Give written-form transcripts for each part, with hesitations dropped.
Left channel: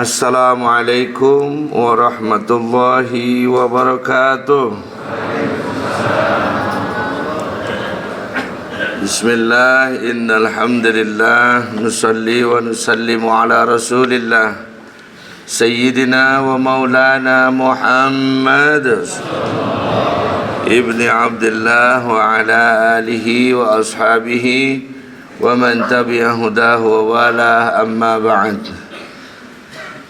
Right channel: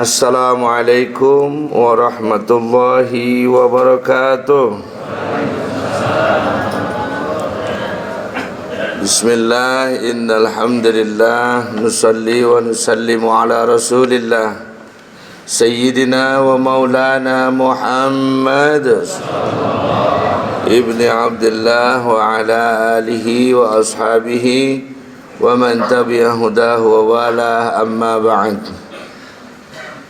Assalamualaikum warahmatullahi wabarakatuh. Bismillah, innal hamdalillah nusalli wa nusallimu ala Rasulillah Sayyidina wa maulana Muhammad ibni Abdullah wa ala alihi wa ashabihi wa man tabi'a hudahu wa wala, amma ba'd.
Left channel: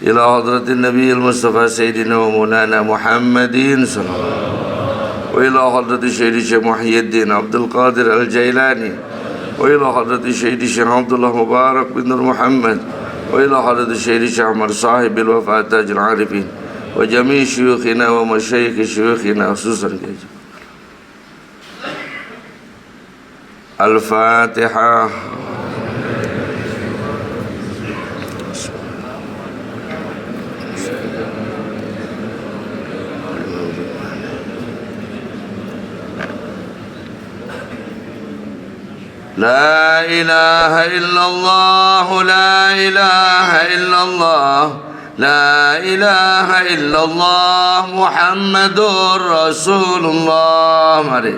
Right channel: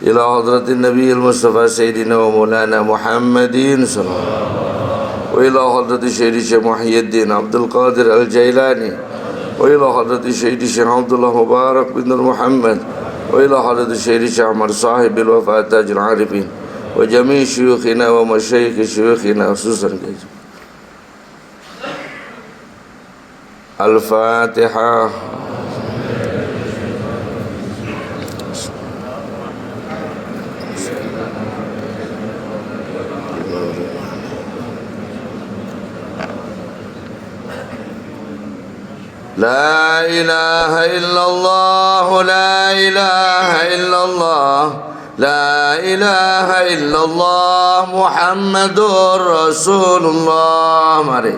Ila hadratin Nabi al-Mustafa Sayyidina wa Maulana Muhammadin sallallahu wa ila hadrati Sayyidi Syekh Muhyiddin Abdul Qadir al-Jailani wa ila hadrati Sayyidi Syekh Abdullah Mubarak bin Nur Muhammad wa ila hadrati Sayyidi Syekh Ahmad Sahib al-Wafat Tajul Arifin wa jami' syuyukhina wa masyayikh syuyukhina khususan Al-Fatihah. La ilaha illallah, la ilaha illallah, la ilaha illallah, Muhammadur Rasulullah. Mari.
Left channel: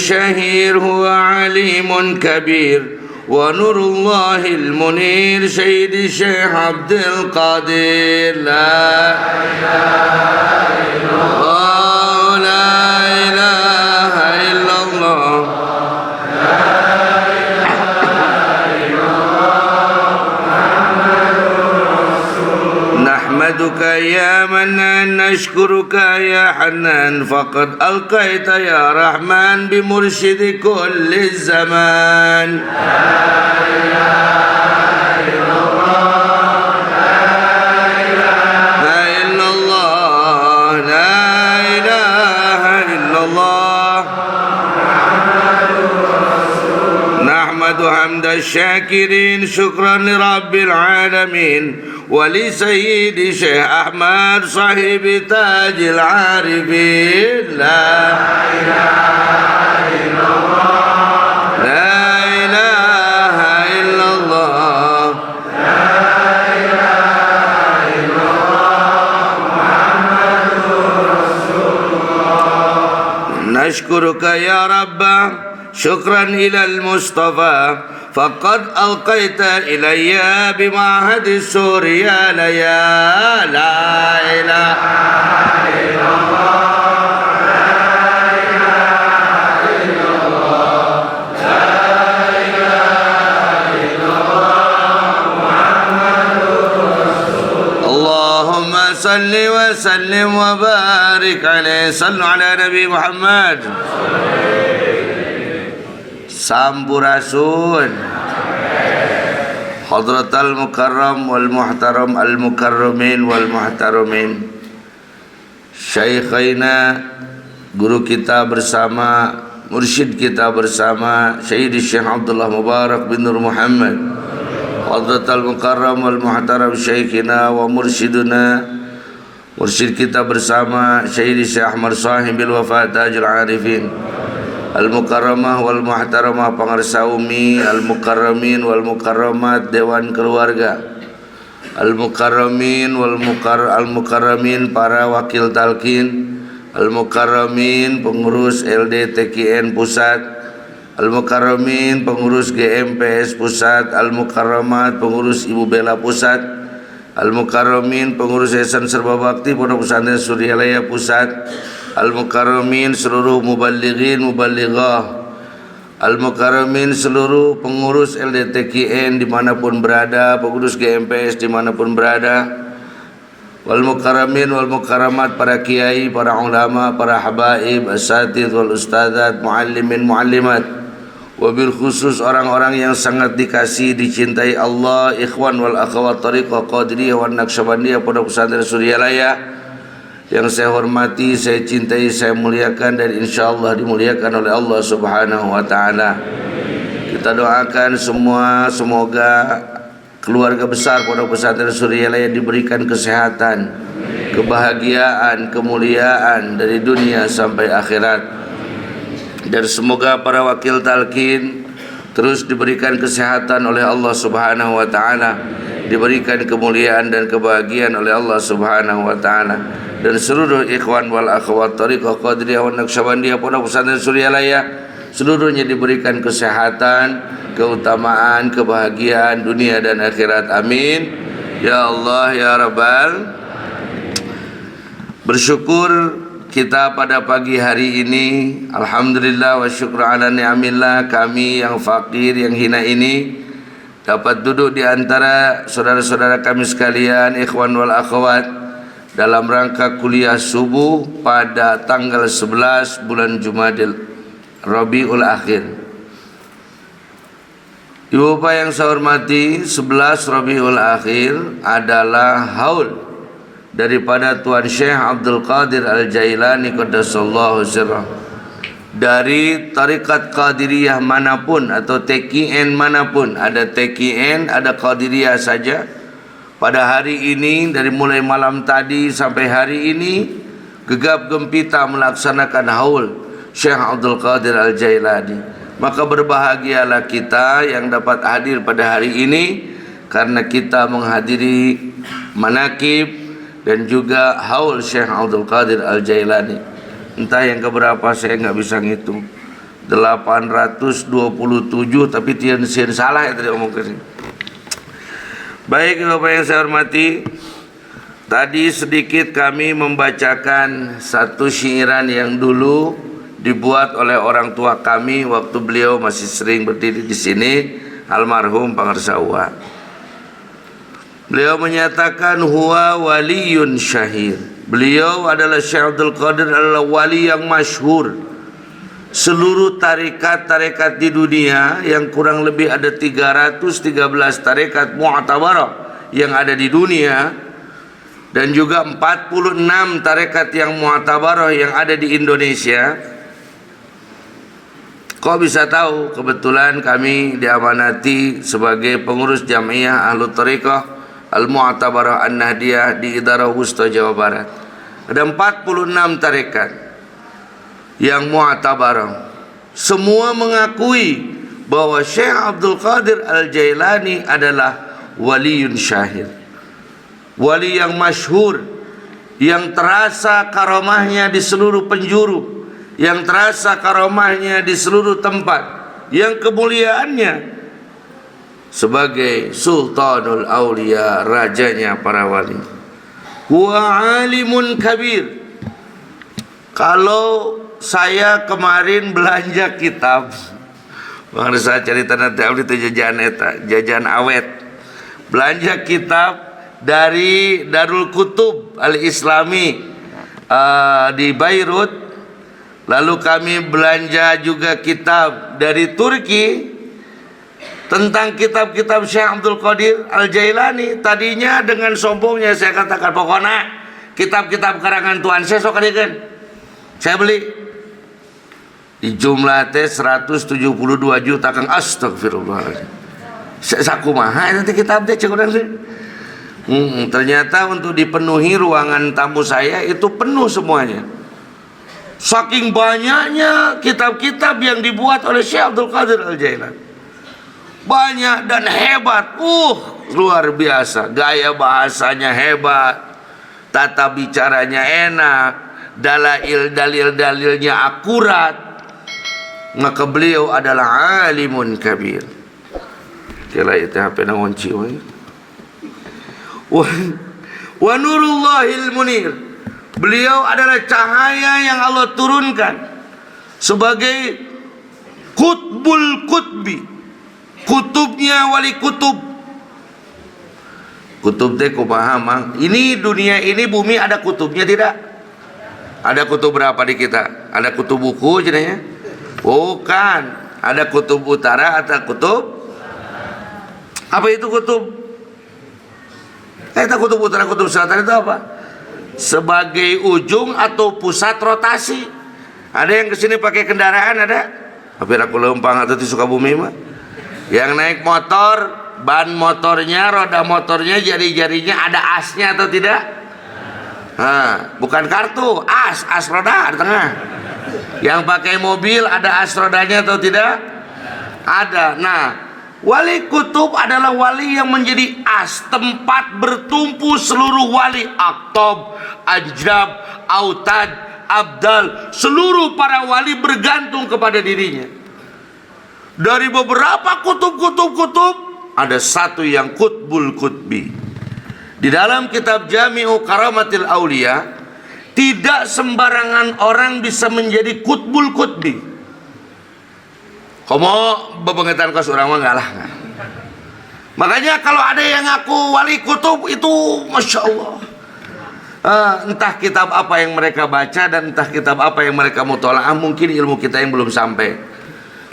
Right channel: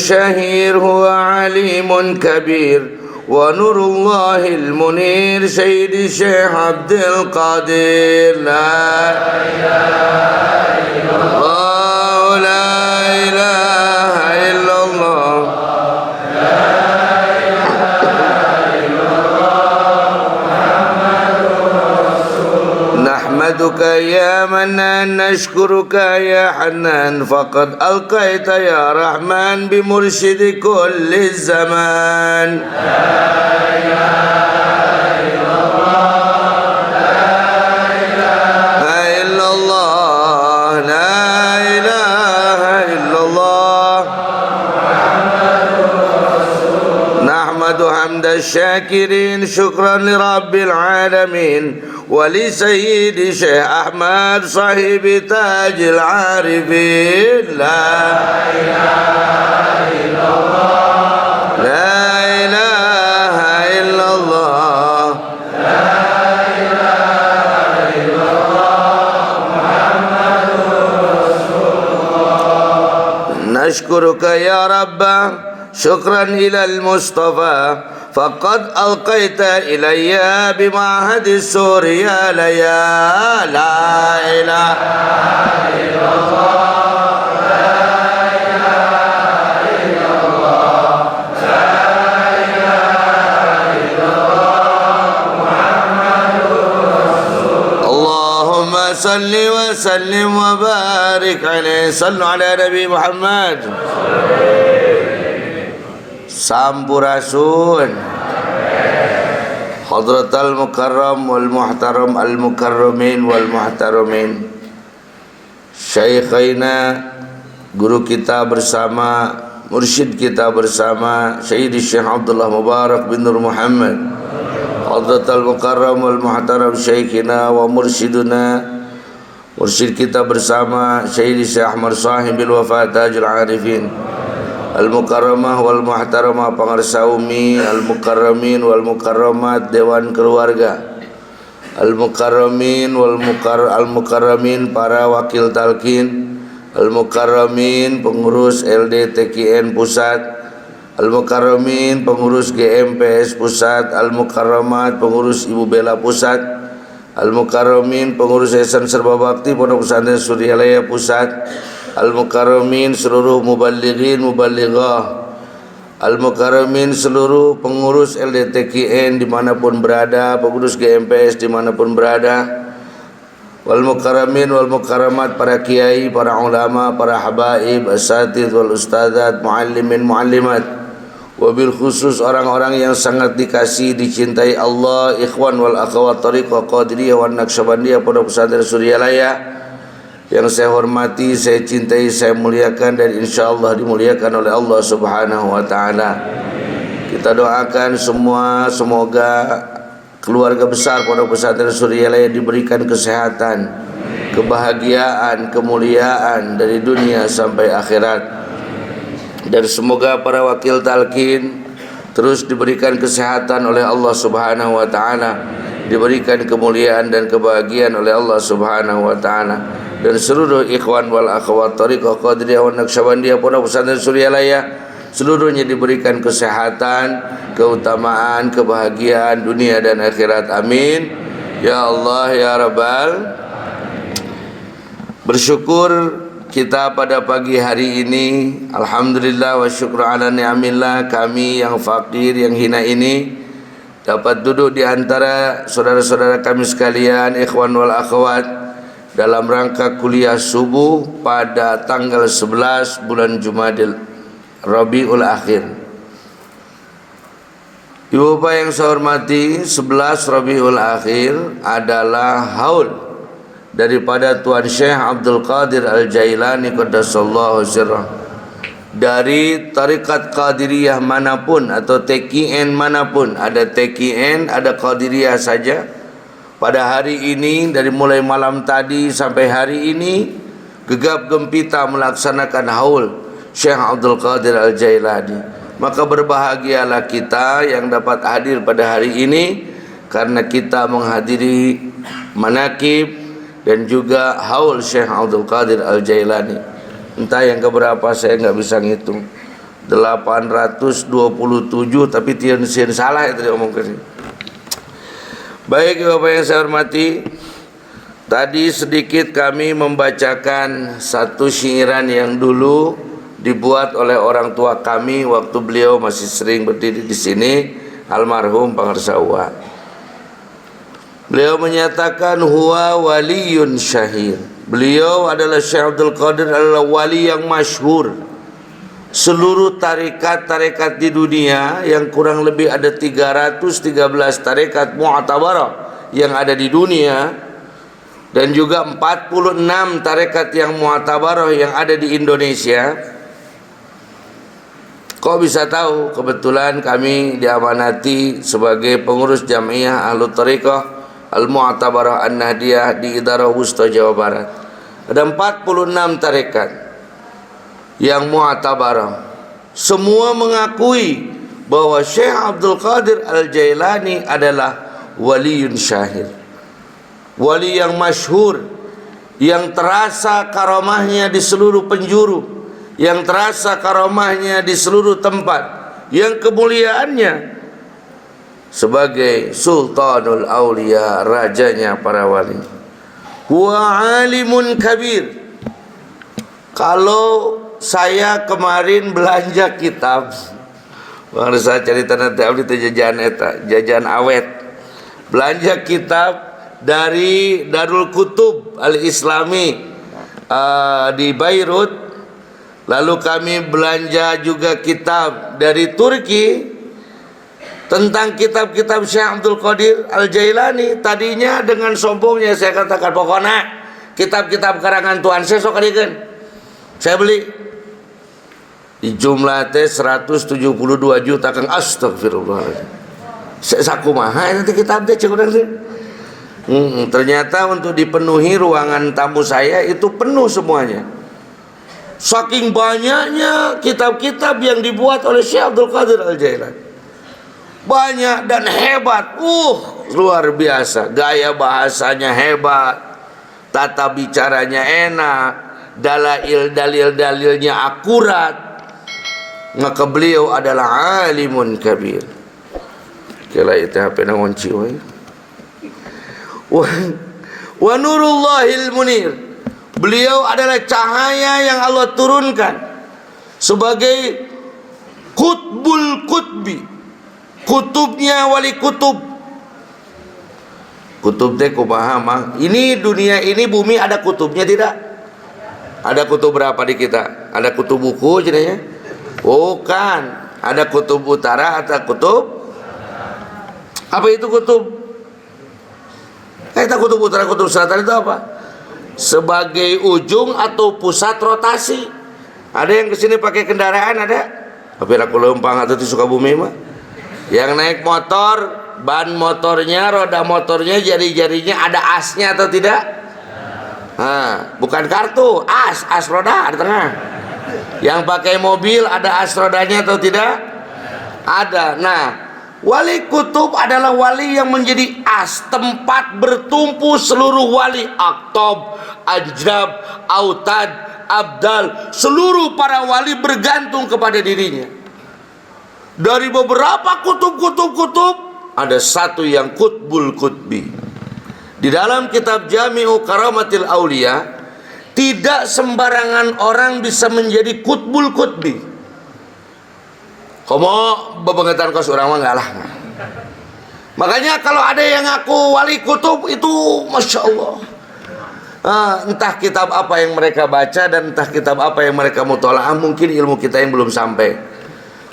شهير هو عليم كبير ونور الله المنير سيد الشيخ عبد القادر. لا إله إلا الله، لا إله إلا الله، لا إله إلا الله، محمد رسول الله. نحمدك يا منان، نشكرك يا حنان، فقد ألقيت يا رحمن بمرشد كل الزمان. لا إله إلا الله، لا إله إلا الله، لا إله إلا الله، محمد رسول الله. نحمد حمد الشاكرين، شكرا لرب العالمين ولسيد شيخ أحمد صاحب تاج العارفين. لا إله إلا الله، لا إله إلا الله، لا إله إلا الله، محمد رسول الله. نشكرك يا رب شكرا إلى المصطفى، فقد ألقيت إلي بمعهد سوريا ليا. لا إله إلا الله، لا إله إلا الله، لا إله إلا الله، محمد رسول الله. اللهم صل وسلم وبارك عليه. صلوا على نبي محمد. Sampurasun Hadratal Mukarram wal Muhtaram al Mukarramin wal Muhtaramin, Syaikhaina, guru kita bersama, mursyid kita bersama, Sayyidi Syekh Abdullah Mubarak bin Nur Muhammad, Hadratal Mukarram wal Muhtaram, Syaikhina wa mursyiduna, mursyid kita bersama, Sayyidi Syekh Ahmad Sahib al-Wafat Tajul Arifin, Al-Mukarramah wal Muhtaramah, pengarsa umi, Al-Mukarramin wal Mukarramat, dewan keluarga, Al-Mukarramin wal Al-Mukarramin, para wakil talqin, Al-Mukarramin pengurus LDTKN pusat, Al-Mukarramin pengurus GMPS pusat, Al-Mukarramat pengurus Ibu Bela pusat, Al-Mukarramin pengurus Yayasan Serba Bakti Pondok Pesantren Suryalaya pusat, Al-Mukarramin seluruh muballighin muballighah, Al-Mukarramin seluruh pengurus LDTKN dimanapun berada, pengurus GMPS dimanapun berada, wal Mukarramin wal Mukarramat, para kiai, para ulama, para habaib, asatidz wal ustadzat, muallimin muallimat, wabil khusus orang-orang yang sangat dikasihi dicintai Allah, ikhwan wal akhwat tariqah Qadiriyah wan Naqsyabandiyah Pondok Pesantren Suryalaya, yang saya hormati, saya cintai, saya muliakan, dan insyaallah dimuliakan oleh Allah Subhanahu wa taala. Kita doakan semua semoga keluarga besar Pondok Pesantren Suryalaya diberikan kesehatan, kebahagiaan, kemuliaan dari dunia sampai akhirat. Dan semoga para wakil talqin terus diberikan kesehatan oleh Allah Subhanahu wa taala, diberikan kemuliaan dan kebahagiaan oleh Allah Subhanahu wa taala. Dan seluruh ikhwan wal akhwat Thariqah Qadiriyah wa Naqsyabandiyah Pondok Pesantren Suryalaya seluruhnya diberikan kesehatan, keutamaan, kebahagiaan dunia dan akhirat. Amin ya Allah ya Rabbal. Bersyukur kita pada pagi hari ini, alhamdulillah wa syukru ala ni'amillah, kami yang fakir, yang hina ini dapat duduk di antara saudara-saudara kami sekalian, ikhwan wal akhwat, dalam rangka kuliah subuh pada tanggal 11 bulan Jumadil Rabiul Akhir. Ibu Bapak yang saya hormati, 11 Rabiul Akhir adalah haul daripada Tuan Syekh Abdul Qadir Al-Jailani Qaddasallahu sirrah. Dari tarikat Qadiriyah manapun atau TKN manapun, ada TKN, ada Qadiriyah saja. Pada hari ini, dari mulai malam tadi sampai hari ini, gegap gempita melaksanakan haul Syekh Abdul Qadir Al-Jailani. Maka berbahagialah kita yang dapat hadir pada hari ini, karena kita menghadiri manaqib dan juga haul Syekh Abdul Qadir Al-Jailani. Entah yang keberapa saya nggak bisa ngitung, 827, tapi tian salah itu diomongkan. Baik Bapak yang saya hormati, tadi sedikit kami membacakan satu syairan yang dulu dibuat oleh orang tua kami waktu beliau masih sering berdiri di sini, almarhum Pangarsawa. Beliau menyatakan huwa waliyun syahir. Beliau adalah Syekh Abdul Qadir adalah wali yang masyhur. Seluruh tarekat-tarekat di dunia yang kurang lebih ada 313 tarekat mu'tabarah yang ada di dunia, dan juga 46 tarekat yang mu'tabarah yang ada di Indonesia. Kok bisa tahu? Kebetulan kami diamanati sebagai pengurus Jamiah Ahlul Thariqah Al-Mu'tabarah An-Nahdiyah di Idarah Wusta Jawa Barat. Ada 46 tarekat yang mu'tabarah. Semua mengakui bahwa Syekh Abdul Qadir Al-Jailani adalah waliyun syahir, wali yang masyhur, yang terasa karamahnya di seluruh penjuru, yang terasa karamahnya di seluruh tempat, yang kemuliaannya sebagai Sultanul Aulia, rajanya para wali. Wa alimun kabir. Kalau saya kemarin belanja kitab, harus saya cerita nanti itu jajan awet. Belanja kitab dari Darul Kutub Al-Islami di Beirut. Lalu kami belanja juga kitab dari Turki tentang kitab-kitab Syekh Abdul Qadir Al-Jailani. Tadinya dengan sombongnya saya katakan, pokoknya kitab-kitab karangan Tuan saya sok adegan. Saya beli. Di jumlah teh 172 juta Kang, astagfirullah. Sakumaha nanti kitab teh cek urang teh. Ternyata untuk dipenuhi ruangan tamu saya itu penuh semuanya. Saking banyaknya kitab-kitab yang dibuat oleh Syekh Abdul Qadir Al-Jailani. Banyak dan hebat. Luar biasa. Gaya bahasanya hebat. Tata bicaranya enak. Dalil-dalilnya akurat. Maka beliau adalah alimun kabir. Kala itu HP na ngonci we. Wa nurullahil munir. Beliau adalah cahaya yang Allah turunkan sebagai kutbul kutbi, kutubnya wali kutub. Kutub teh kumaha mang? Ini dunia ini bumi ada kutubnya tidak? Ada kutub berapa di kita? Ada kutub buku jenanya? Bukan. Ada kutub utara, ada kutub. Apa itu kutub? Itu kutub utara, kutub selatan itu apa? Sebagai ujung atau pusat rotasi. Ada yang kesini pakai kendaraan, ada? Tapi aku lempang atau di Sukabumi mah. Yang naik motor ban motornya, roda motornya, jari-jarinya ada asnya atau tidak? Nah, bukan kartu, as roda di tengah. Yang pakai mobil ada as rodanya atau tidak? Ada. Nah, wali kutub adalah wali yang menjadi as, tempat bertumpu seluruh wali, aktob, ajrab, autad, abdal. Seluruh para wali bergantung kepada dirinya. Dari beberapa kutub ada satu yang kutbul kutbi. Di dalam kitab Jami'u Karamatil Aulia, tidak sembarangan orang bisa menjadi kutbul kutbi. Komo bebengetan kos orang mah enggak lah. Makanya kalau ada yang ngaku wali kutub itu Masya Allah, entah kitab apa yang mereka baca dan entah kitab apa yang mereka mutola'ah, mungkin ilmu kita yang belum sampai.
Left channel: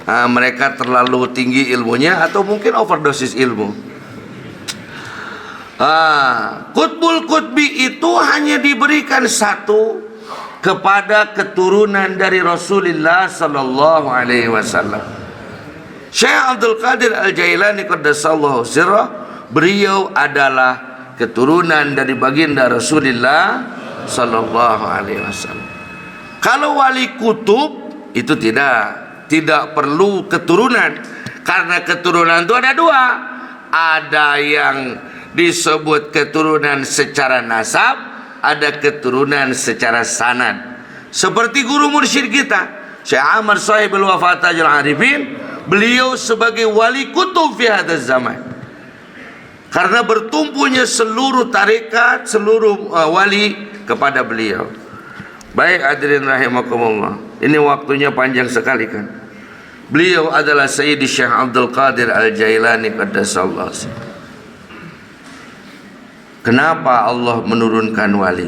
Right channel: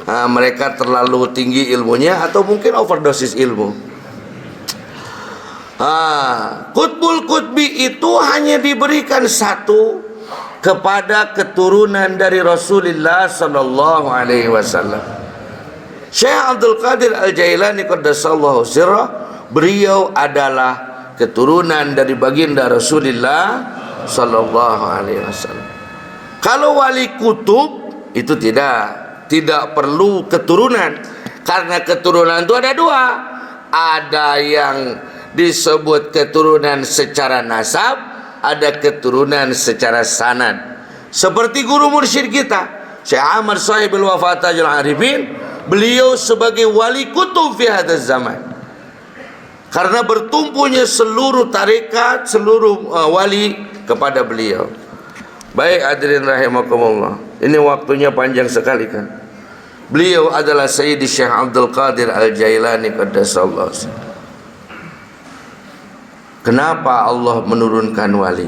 Mereka terlalu tinggi ilmunya atau mungkin overdosis ilmu. Kutbul kutbi itu hanya diberikan satu kepada keturunan dari Rasulullah sallallahu alaihi wasallam. Syekh Abdul Qadir Al-Jailani qaddasallahu sirrah, beliau adalah keturunan dari baginda Rasulullah sallallahu alaihi wasallam. Kalau wali kutub itu tidak perlu keturunan, karena keturunan itu ada dua. Ada yang disebut keturunan secara nasab, ada keturunan secara sanad. Seperti guru mursyid kita Syekh Ahmad Sahibul Wafatajul Arifin, beliau sebagai wali kutub fi hadzal zaman, karena bertumpunya seluruh tarekat, seluruh wali kepada beliau. Baik hadirin rahimakumullah, ini waktunya panjang sekali kan. Beliau adalah Sayyidi Syekh Abdul Qadir Al-Jailani qaddasallahu sirrah. Kenapa Allah menurunkan wali?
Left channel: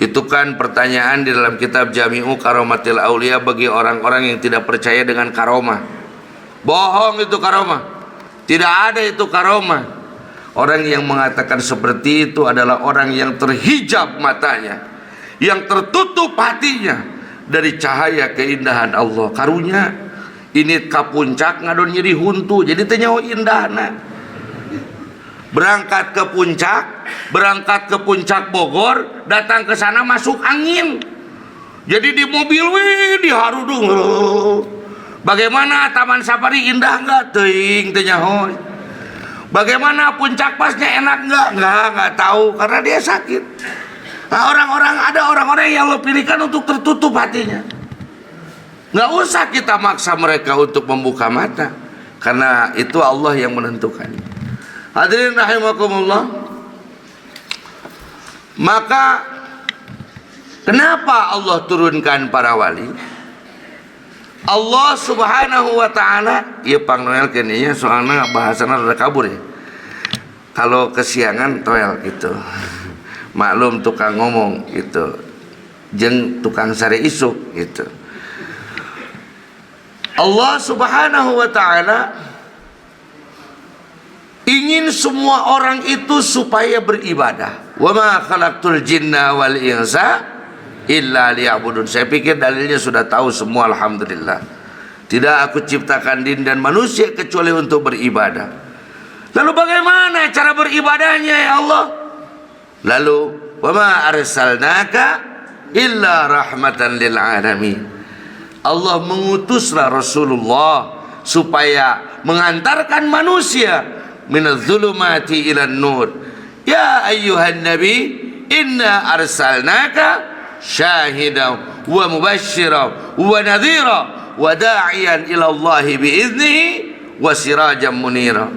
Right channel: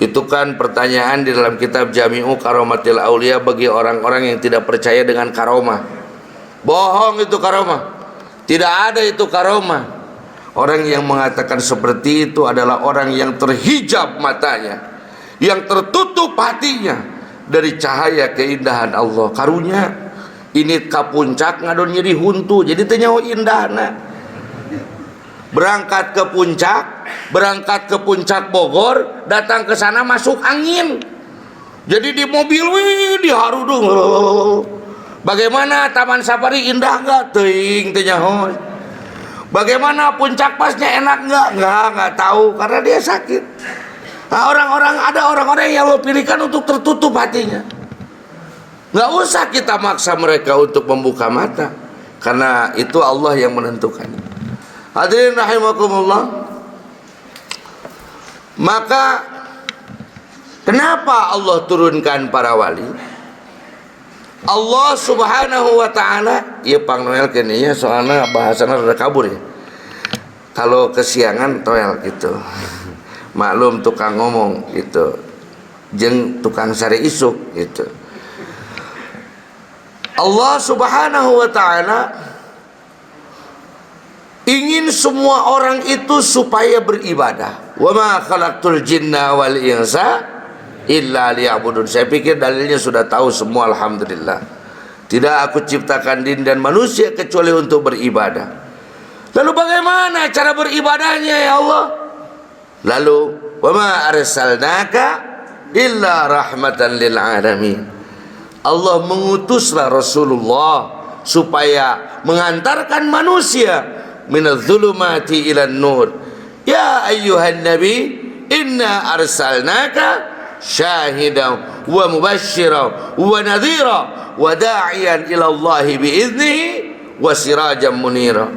Itu kan pertanyaan di dalam kitab Jami'u Karamatil Aulia bagi orang-orang yang tidak percaya dengan karomah. Bohong itu karomah. Tidak ada itu karomah. Orang yang mengatakan seperti itu adalah orang yang terhijab matanya, yang tertutup hatinya dari cahaya keindahan Allah. Karunya ini ka puncak ngadon nyeri huntu, jadi teu nyaho indahna. Berangkat ke puncak Bogor, datang ke sana masuk angin. Jadi di mobil diharudung. Bagaimana Taman Safari indah enggak? Teuing teu nyaho. Bagaimana puncak pasnya enak enggak tahu karena dia sakit. Nah, ada orang-orang yang Allah pilihkan untuk tertutup hatinya. Enggak usah kita maksa mereka untuk membuka mata, karena itu Allah yang menentukan. Hadirin rahimakumullah. Maka kenapa Allah turunkan para wali? Allah subhanahu wa ta'ala, ya pangnoel kene soalnya bahasana rada kabur ya. Kalau kesiangan toel gitu. Maklum tukang ngomong gitu. Jeung tukang sare isuk gitu. Allah subhanahu wa ta'ala ingin semua orang itu supaya beribadah. Wa ma khalaqtul jinna wal insa illa liya'budun. Saya pikir dalilnya sudah tahu semua, alhamdulillah. Tidak aku ciptakan jin dan manusia kecuali untuk beribadah. Lalu bagaimana cara beribadahnya ya Allah? Lalu wa ma arsalnaka illa rahmatan lil alamin. Allah mengutuslah Rasulullah supaya mengantarkan manusia minadz zulumati ilan nur. Ya ayyuhan nabi inna arsalnaka syahidan wa mubasysyiran wa nadhira wa da'iyan ila Allah biiznihi wa sirajan munira.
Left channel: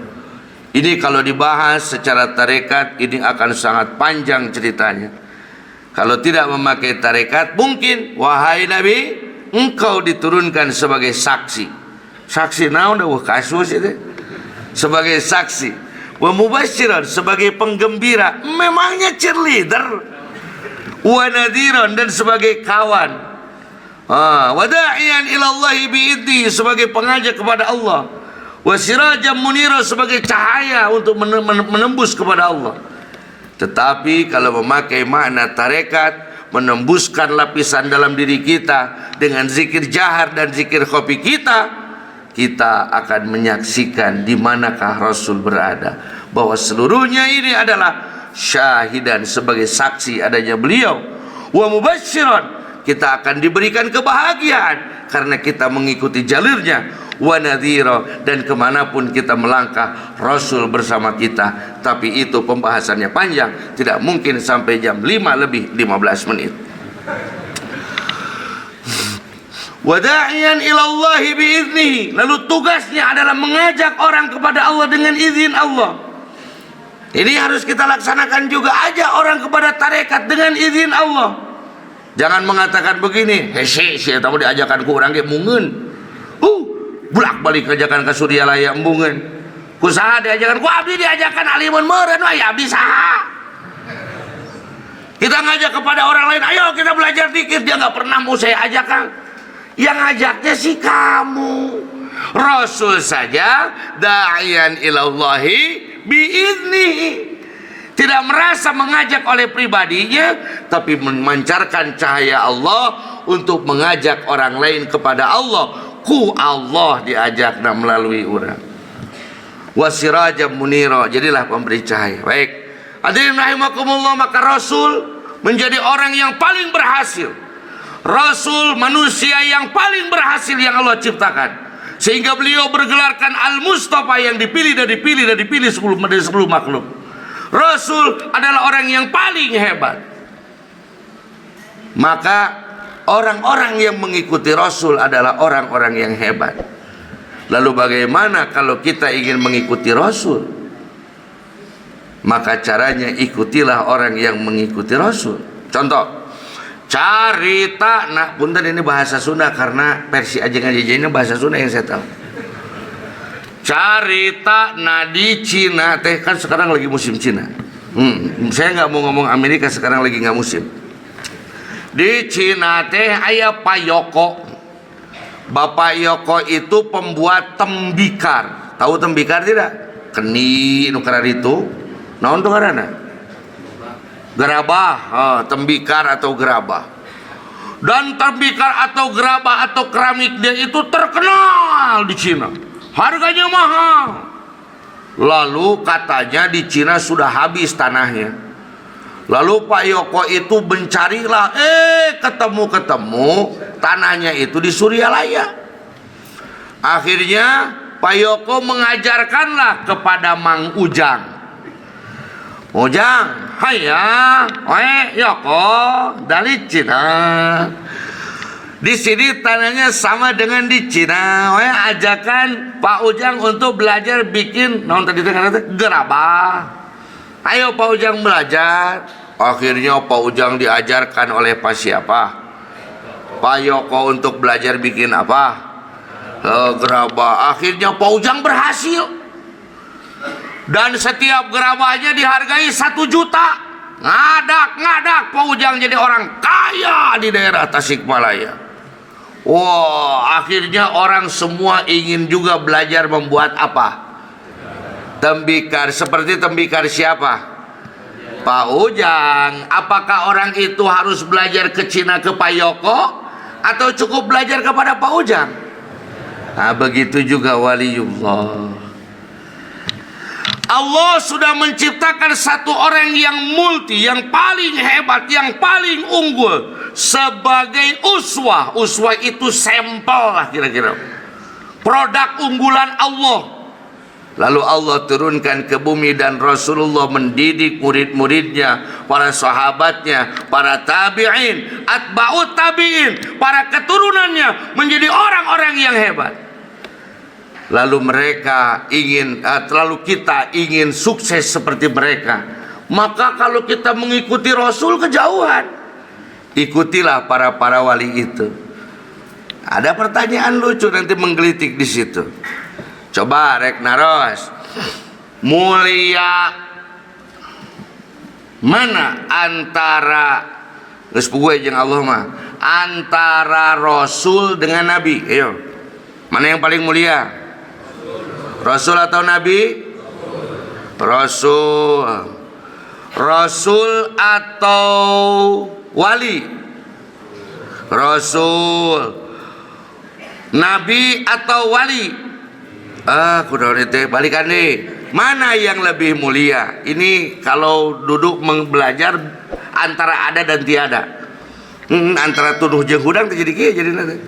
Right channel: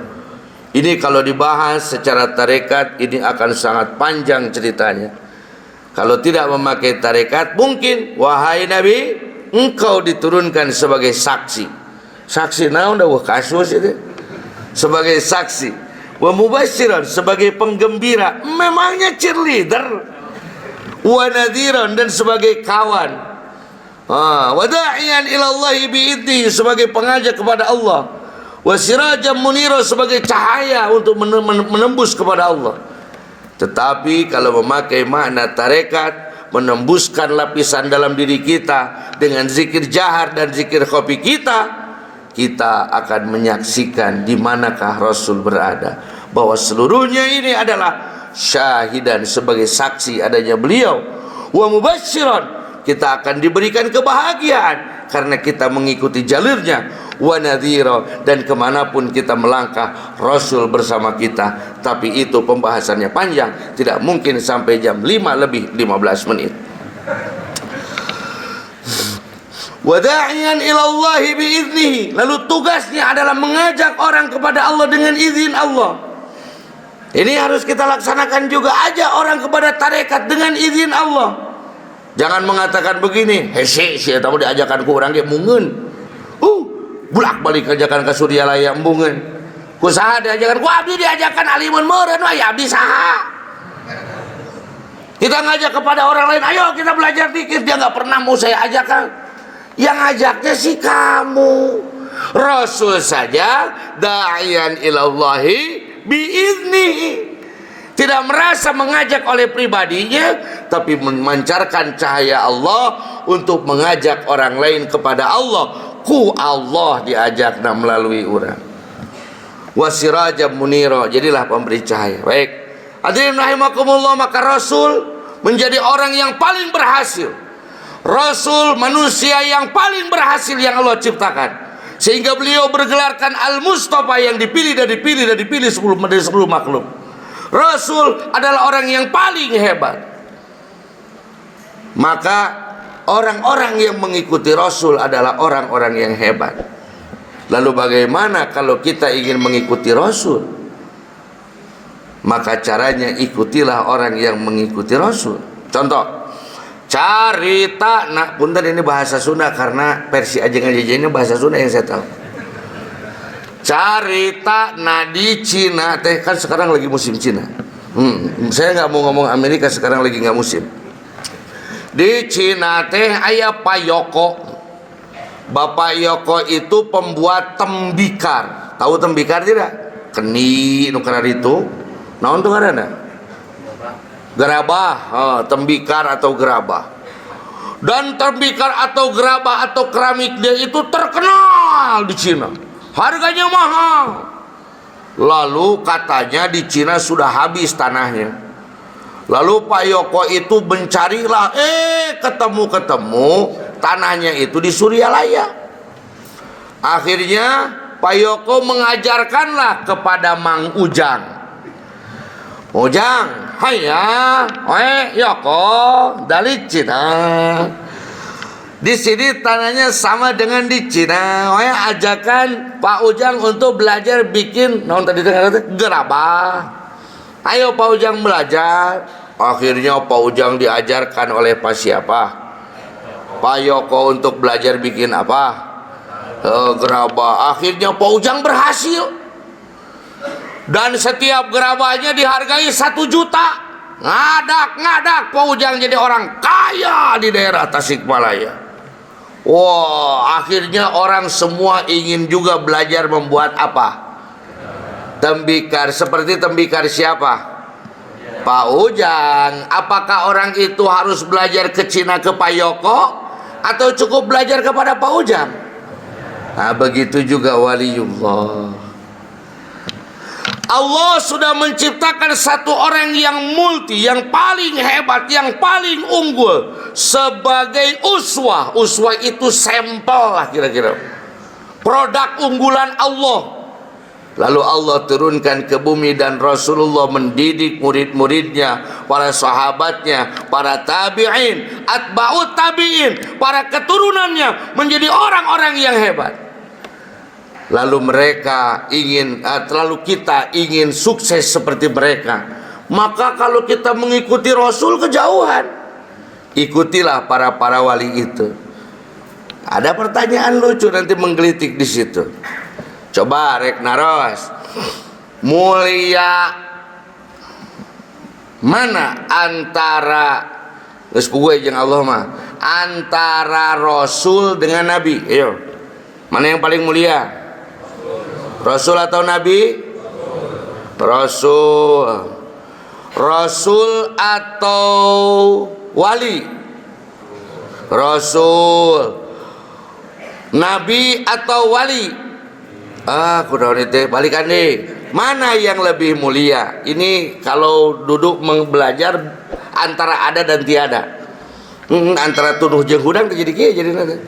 Ini kalau dibahas secara tarekat ini akan sangat panjang ceritanya. Kalau tidak memakai tarekat, mungkin wahai Nabi, engkau diturunkan sebagai saksi. Saksi naon dah kasus itu? Sebagai saksi. Wa mubasysyiran, sebagai penggembira. Memangnya cheerleader. Wa nadhiran, dan sebagai kawan. Wa da'iyan ila Allah bi'idni, sebagai pengajak kepada Allah. Wa sirajan munira, sebagai cahaya untuk menembus kepada Allah. Tetapi kalau memakai makna tarekat, menembuskan lapisan dalam diri kita dengan zikir jahar dan zikir khafi kita kita akan menyaksikan di manakah Rasul berada, bahwa seluruhnya ini adalah syahidan, sebagai saksi adanya beliau. Wa mubasysyiran, kita akan diberikan kebahagiaan karena kita mengikuti jalurnya. Wa nadhira, dan kemanapun kita melangkah Rasul bersama kita. Tapi itu pembahasannya panjang, tidak mungkin sampai jam 5 lebih 15 menit. Wada'iyan ilallahi biiznihi, lalu tugasnya adalah mengajak orang kepada Allah dengan izin Allah. Ini harus kita laksanakan juga, ajak orang kepada tarekat dengan izin Allah. Jangan mengatakan begini, hese tahu diajakan ku orang ge mungeun. Bulak balik ajakan ke Suryalaya embungeun. Ku saha diajakan ku abdi, diajakan alimun meureun we abdi saha. Kita ngajak kepada orang lain, ayo kita belajar dikit, dia enggak pernah mau saya ajakan. Yang ngajaknya sih kamu. Rasul saja da'iyan ilallahi biiznihi, tidak merasa mengajak oleh pribadinya, tapi memancarkan cahaya Allah untuk mengajak orang lain kepada Allah. Ku Allah diajak melalui orang. Wasirajam munira, jadilah pemberi cahaya. Baik, hadirin rahimakumullah, maka Rasul menjadi orang yang paling berhasil. Rasul manusia yang paling berhasil yang Allah ciptakan, sehingga beliau bergelarkan Al-Mustafa, yang dipilih dan dipilih dan dipilih dari 10 makhluk. Rasul adalah orang yang paling hebat. Maka orang-orang yang mengikuti Rasul adalah orang-orang yang hebat. Lalu bagaimana kalau kita ingin mengikuti Rasul? Maka caranya ikutilah orang yang mengikuti Rasul. Contoh, carita, nah punten ini bahasa Sunda karena versi ajeng-ajeng ini bahasa Sunda yang saya tahu. Carita di Cina teh, kan sekarang lagi musim Cina. Saya nggak mau ngomong Amerika, sekarang lagi nggak musim. Di Cina teh aya Pak Yoko. Bapak Yoko itu pembuat tembikar. Tahu tembikar tidak? Keni nu karar itu. Naon tuh ngaranna? Gerabah, tembikar atau gerabah. Dan tembikar atau gerabah atau keramik dia itu terkenal di Cina. Harganya mahal. Lalu katanya di Cina sudah habis tanahnya. Lalu Pak Yoko itu mencarilah, ketemu tanahnya itu di Suryalaya. Akhirnya Pak Yoko mengajarkanlah kepada Mang Ujang. Ujang, haya, Yoko dari Cina. Di sini tanahnya sama dengan di Cina. Ajakan Pak Ujang untuk belajar bikin, naon tadi gerabah. Ayo Pak Ujang belajar. Akhirnya Pak Ujang diajarkan oleh Pak siapa? Pak Yoko untuk belajar bikin apa? Gerabah. Akhirnya Pak Ujang berhasil. Dan setiap gerabahnya dihargai 1 juta. Ngadak Pak Ujang jadi orang kaya di daerah Tasikmalaya. Wah, akhirnya orang semua ingin juga belajar membuat apa? Tembikar. Seperti tembikar siapa? Pak Ujang. Apakah orang itu harus belajar ke Cina ke Pak Yoko, atau cukup belajar kepada Pak Ujang? Nah, begitu juga waliullah. Allah sudah menciptakan satu orang yang multi, yang paling hebat, yang paling unggul sebagai uswah. Uswah itu sampel lah kira-kira, produk unggulan Allah. Lalu Allah turunkan ke bumi dan Rasulullah mendidik murid-muridnya, para sahabatnya, para tabi'in, atba'ut tabi'in, para keturunannya menjadi orang-orang yang hebat. Lalu kita ingin sukses seperti mereka. Maka kalau kita mengikuti Rasul kejauhan, ikutilah para wali itu. Ada pertanyaan lucu nanti menggelitik di situ. Coba rek naros, mulia mana antara geus puguh jeung Allah mah, antara Rasul dengan Nabi? Ayo, mana yang paling mulia? Rasul atau Nabi? Rasul. Rasul atau wali? Rasul. Nabi atau wali? Kunaon teh balikan deh. Mana yang lebih mulia? Ini kalau duduk belajar antara ada dan tiada. Antara tuduh jeung hudang terjadi kieu jadina teh.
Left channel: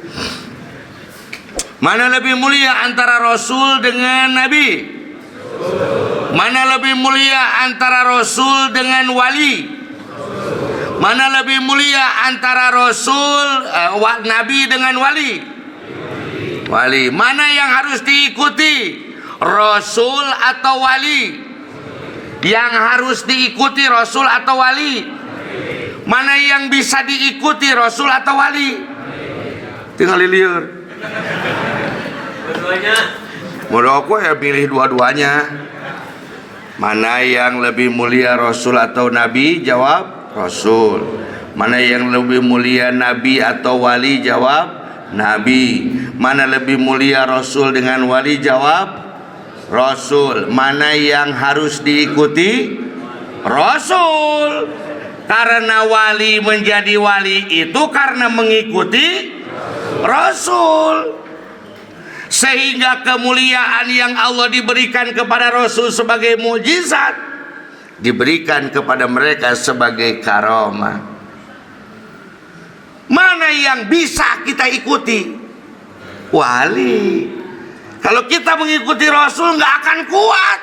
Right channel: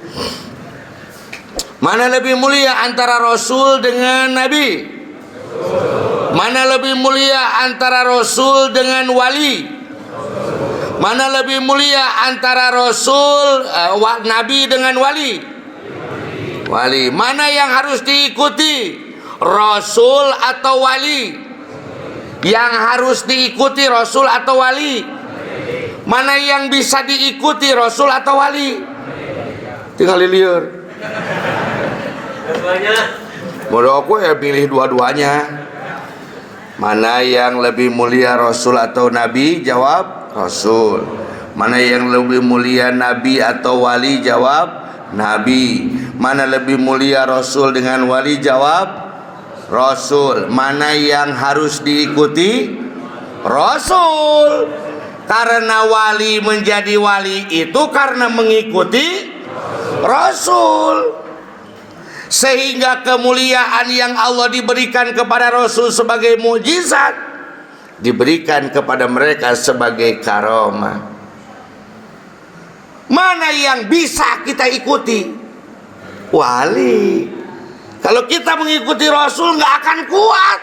Mana lebih mulia antara Rasul dengan Nabi? Mana lebih mulia antara Rasul dengan wali? Mana lebih mulia antara Rasul Nabi dengan wali? Wali. Mana yang harus diikuti? Rasul atau wali? Yang harus diikuti Rasul atau wali? Mana yang bisa diikuti Rasul atau wali? Tinggal liur. Dua-duanya. Menurut aku ya pilih dua-duanya. Mana yang lebih mulia Rasul atau Nabi? Jawab Rasul. Mana yang lebih mulia Nabi atau wali? Jawab Nabi. Mana lebih mulia Rasul dengan wali? Jawab Rasul. Mana yang harus diikuti? Rasul. Karena wali menjadi wali itu karena mengikuti Rasul. Sehingga kemuliaan yang Allah diberikan kepada Rasul sebagai mukjizat diberikan kepada mereka sebagai karamah. Mana yang bisa kita ikuti? Wali. Kalau kita mengikuti Rasul nggak akan kuat.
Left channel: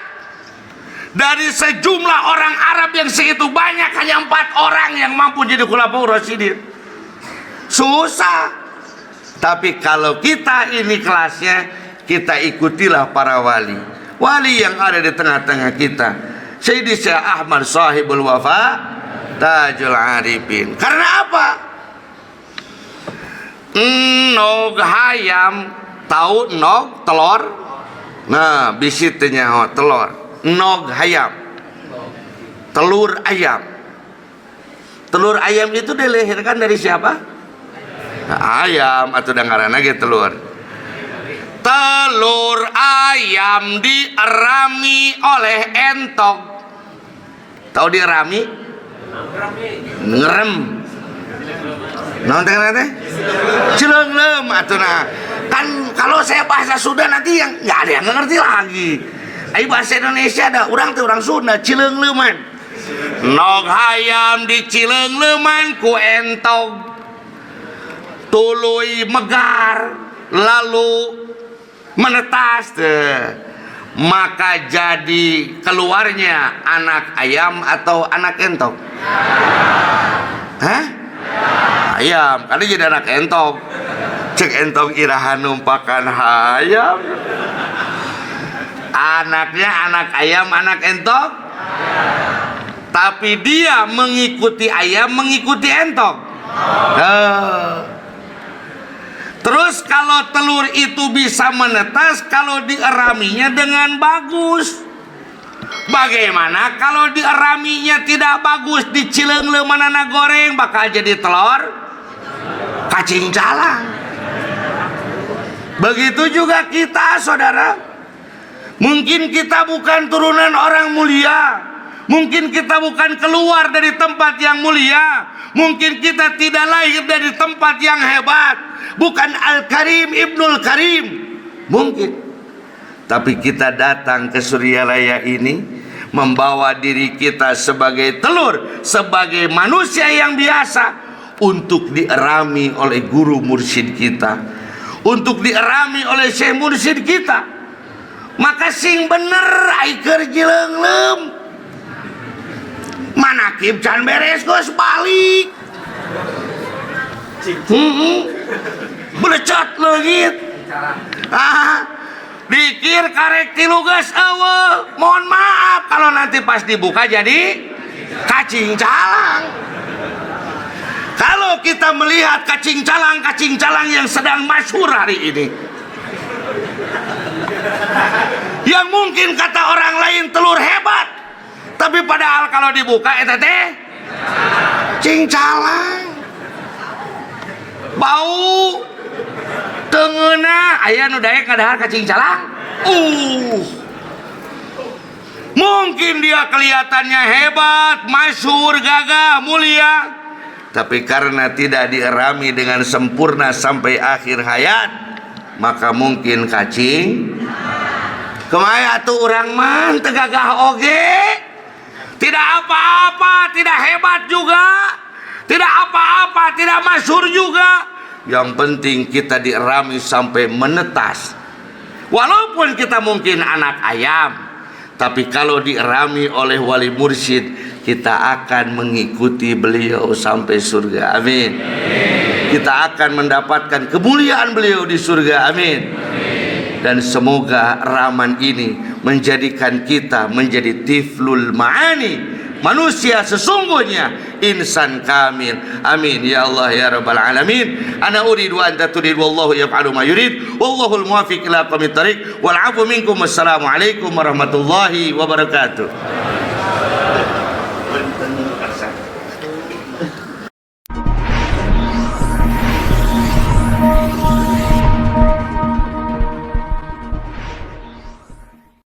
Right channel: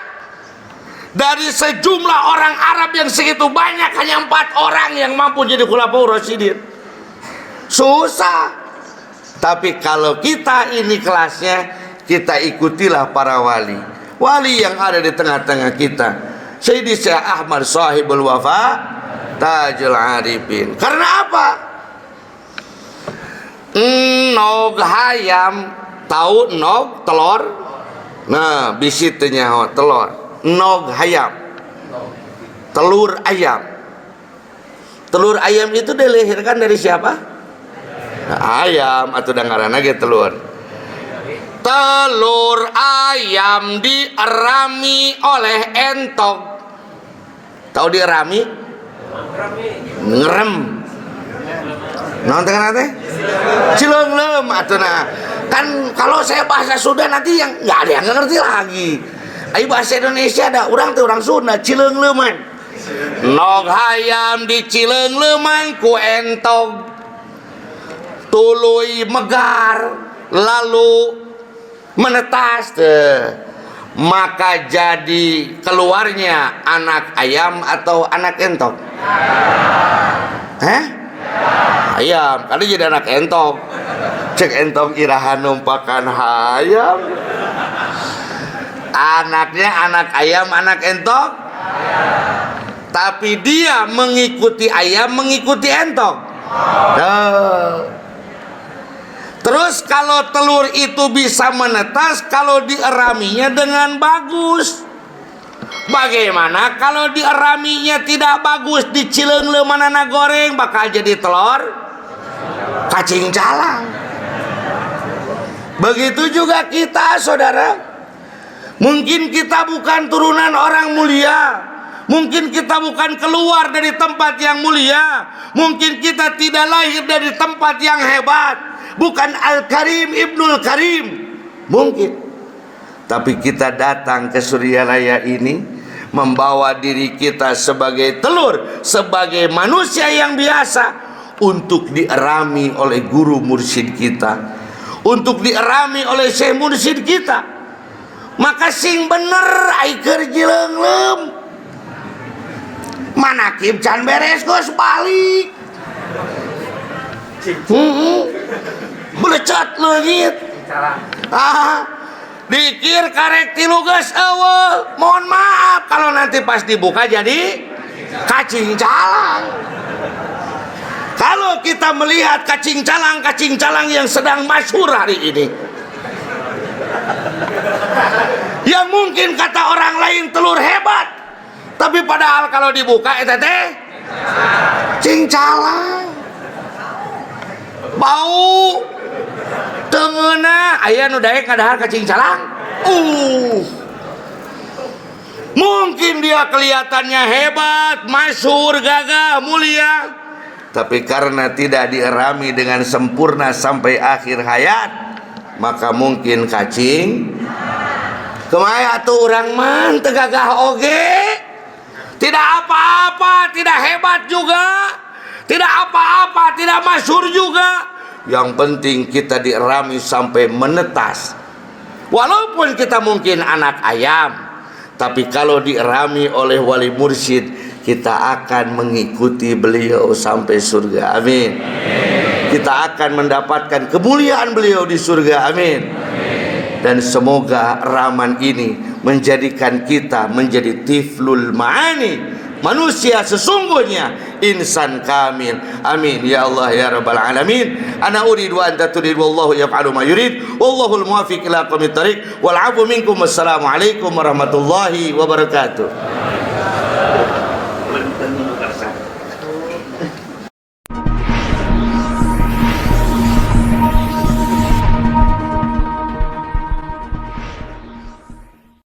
Dari sejumlah orang Arab yang segitu banyak hanya 4 orang yang mampu jadi khulafaur rasyidin. Susah. Tapi kalau kita ini kelasnya, kita ikutilah para wali. Wali yang ada di tengah-tengah kita. Sayyidi Syekh Ahmad Sahibul Wafa Tajul Arifin. Karena apa? Nog hayam. Tahu nog telur? Nah, bisitnya telur. Nog hayam. Telur ayam. Telur ayam itu dilahirkan dari siapa? Nah, ayam atau dangarana ge telur. Telur ayam dierami oleh entok. Tahu dierami? Ngerem. Naon teh teh? Cileunglem atuh. Kan kalau saya bahasa Sunda nanti yang enggak ada yang ngerti lagi. Ai bahasa Indonesia ada urang teh urang Sunda cileungleuman. Nog hayam di cileungleuman ku entok. Tuluy megar lalu menetas maka jadi keluarnya anak ayam atau anak entok? Ayam. Kali jadi anak entok. Cek entok irahan numpakan hayam. Anaknya anak ayam, anak entok. Tapi dia mengikuti ayam, mengikuti entok. Terus kalau telur itu bisa menetas kalau dieraminya dengan bagus. Bagaimana kalau dieraminya tidak bagus, dicileungleumanana goreng bakal jadi telur cacing calang. Begitu juga kita, saudara. Mungkin kita bukan turunan orang mulia. Mungkin kita bukan keluar dari tempat yang mulia. Mungkin kita tidak lahir dari tempat yang hebat. Bukan Al-Karim Ibnul Karim. Mungkin. Tapi kita datang ke Suryalaya ini membawa diri kita sebagai telur, sebagai manusia yang biasa, untuk dierami oleh guru mursyid kita, untuk dierami oleh syekh mursyid kita. Maka sing bener ai keur jileunglem. Manakib can beres geus balik. Belecot leungit. Dikir karek tilu geus eueuh. Mohon maaf kalau nanti pas dibuka jadi cacing calang. Kalau kita melihat cacing calang yang sedang masyhur hari ini, yang mungkin kata orang lain telur hebat, tapi padahal kalau dibuka eta teh cacing calang. Bau tengeuna aya nu daek ngadahar cacing calang. Mungkin dia kelihatannya hebat, masyhur, gagah, mulia, tapi karena tidak dierami dengan sempurna sampai akhir hayat, maka mungkin cacing Kemaya tuh orang man tegagah oge. Tidak apa-apa, tidak hebat juga, tidak apa-apa, tidak masyhur juga. Yang penting kita dirami sampai menetas. Walaupun kita mungkin anak ayam, tapi kalau dirami oleh wali mursyid, kita akan mengikuti beliau sampai surga. Amin. Kita akan mendapatkan kemuliaan beliau di surga. Amin. Dan semoga raman ini menjadikan kita menjadi tiflul ma'ani, manusia sesungguhnya, insan kamil. Amin ya Allah ya rabbal alamin. Ana uridu wa anta turid, wallahu yaf'alu ma yurid, wallahul muwaffiq ila aqwamit thariq, wal 'afwu minkum. Wassalamu alaikum warahmatullahi wabarakatuh.